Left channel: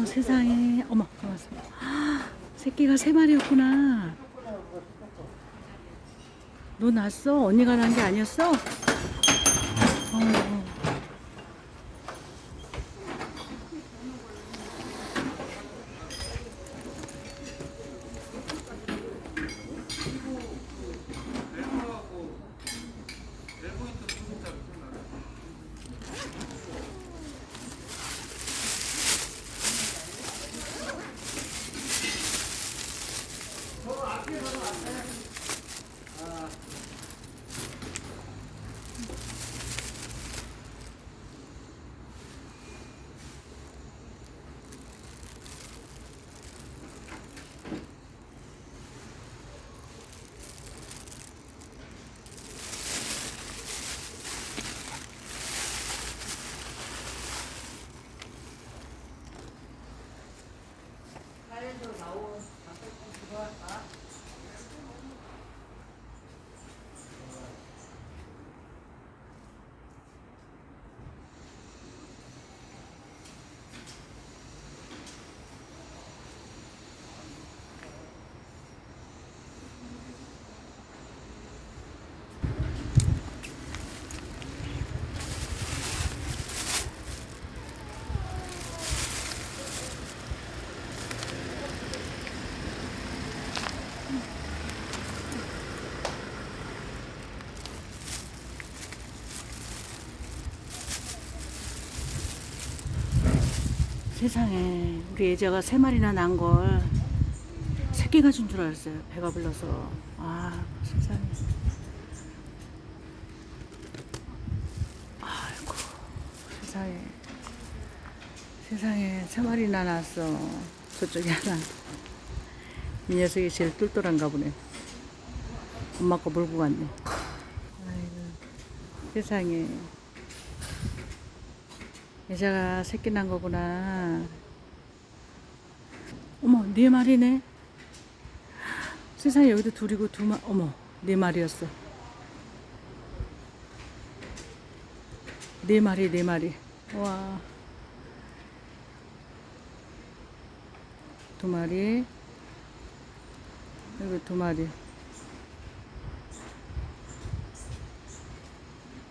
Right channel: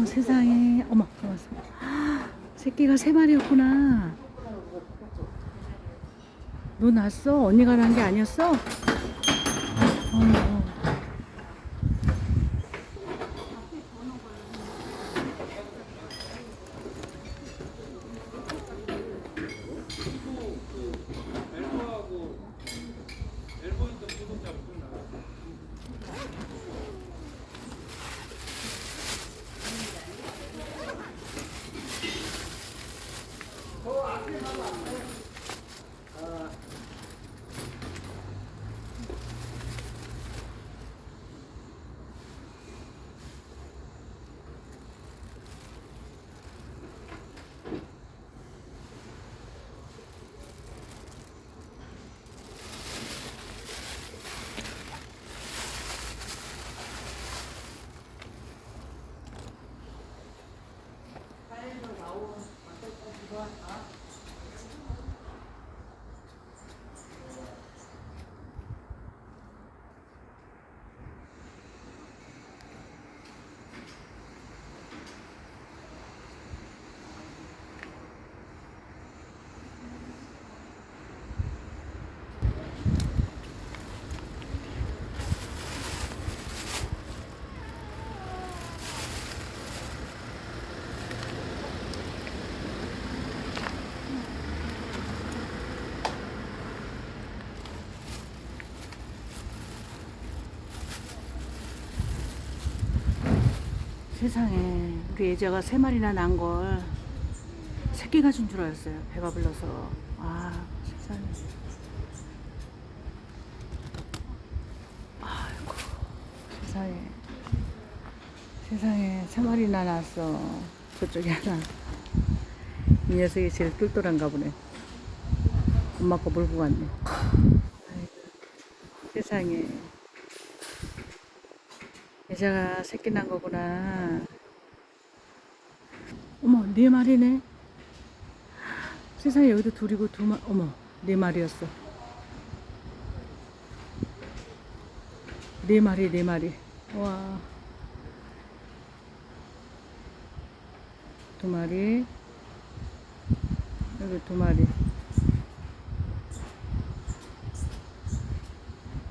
어머 세상에. 어머 가만있어. 새끼가 3마리였구나. 너 낳았어? 언니가 낳은 게 아니었어? 어이구. 세상에 우리 애자가 3마리나 낳은 걸 새끼 가진 줄 알았어요. 배가 불러서. 아 세상에. 아이고 세상에. 세상에 3마리나 낳았어. 그쪽에 하나. 이 녀석이 제일 똘똘한가 보네. 엄마 거 몰고 갔네. 아이고 세상에. 여자가 새끼 난 거구나. 어머 4마리네. 세상에 여기도 둘이고 어머 4마리였어. 4마리. 와 2마리. 여기 2마리.